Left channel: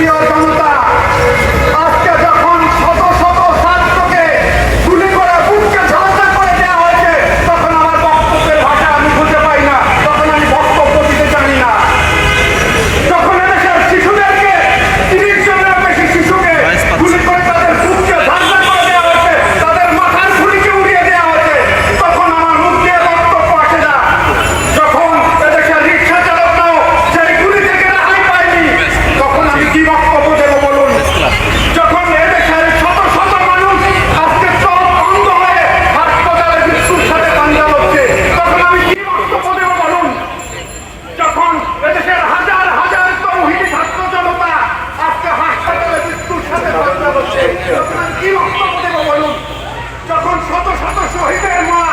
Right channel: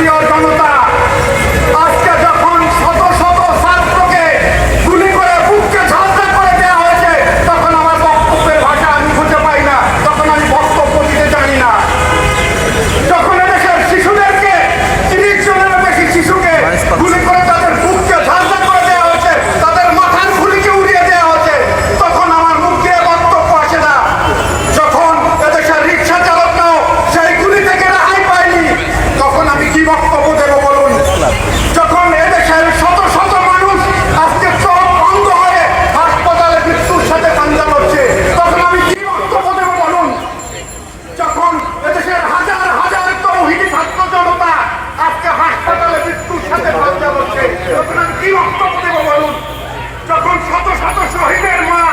জাতীয় গণ আপনার কি অন্তর্গত বলুন? যখন শত শত শহীদের মা,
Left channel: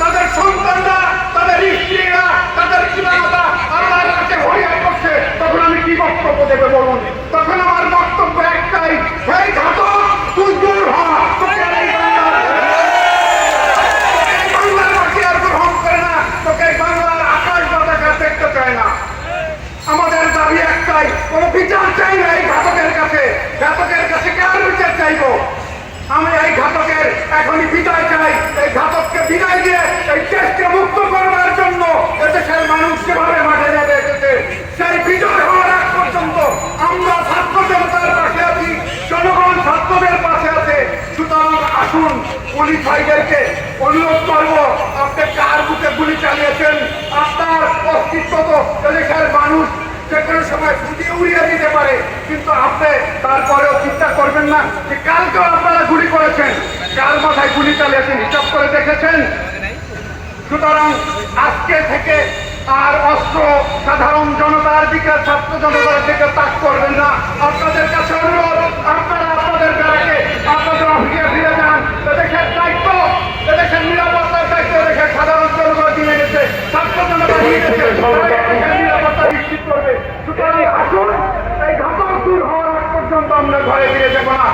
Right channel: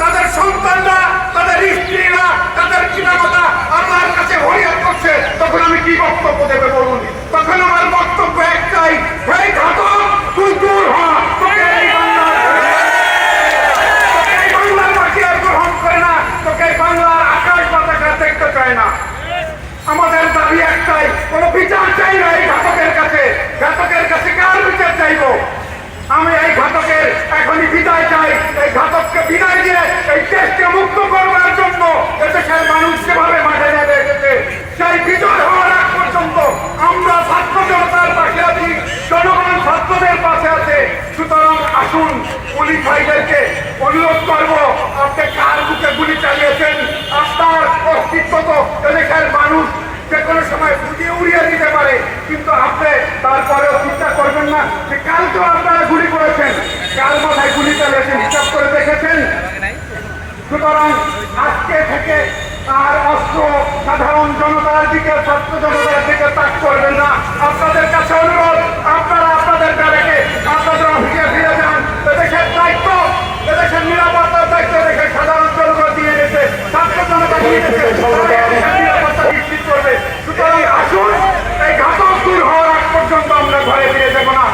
তাদের সন্তানরা, তাদের স্ত্রীরা, তাদের পিতামাতা আমার কাছে হরিয়া করছে, তখন আমি কি বক্তব্য দেবে বলুন? তখন আমার বক্তব্য একটাই সেই ঘাতক, তুই দূর হ। তোকে আর গ্রহণ করে না, তোকে এই বাংলার আকাশ দেখতে চায় না। আমাদের দাবি একটাই, কোনো বিচার চাই না এই ঘাতকের কাছে। ঘাতকের কাছে চাইব। আমি এই ঘাতকের এখনই বিদায় চাই। এই ঘাতককে বিদায় দিয়ে এই দেশকে মুক্ত করবার জন্য এদেশের মানুষ যেভাবে মাঠে নেমে এসেছে, সেই বিজয় হওয়ার আগ পর্যন্ত আমরা ছাত্র জনতার পাশে আছি, জনগণ ছাত্রদের পাশে আছে। সুতরাং আসুন, পুলিশ ভাইদেরকে অনুরোধ করব, আপনি কার বুকে গুলি চালিয়েছেন? আপনার অস্তিত্ব তো এদেশের মানুষ যে কোনো সময় ফুটিয়ে উড়িয়ে দিতে পারে, কিন্তু আপনি তারপরেও চিন্তা করবেন না যে কালকেও আপনারা গুলি করেছেন। কার মাথায় গুলি চালিয়েছেন হিসাব করে দেখেছেন? সুতরাং আজকে থেকে আর অস্ত্র সাধারণ জনতার দিকে, ছাত্র জনতার দিকে তাক করবেন না। আপনাদের কাছে অনুরোধ, আপনারা আপনাদের গাড়িকে আপনাদের অফিসে ফিরে যান। এদেশের দায়িত্ব, এদেশের নিরাপত্তার দায়িত্ব এদেশের সাধারণ জনগণ দিয়ে গেছে ছাত্র জনতা দিয়ে গেছে সুতরাং আসুন এই ঘাতক দূর হওয়ার আগ পর্যন্ত আমরা ঘরে ফিরে যাব না।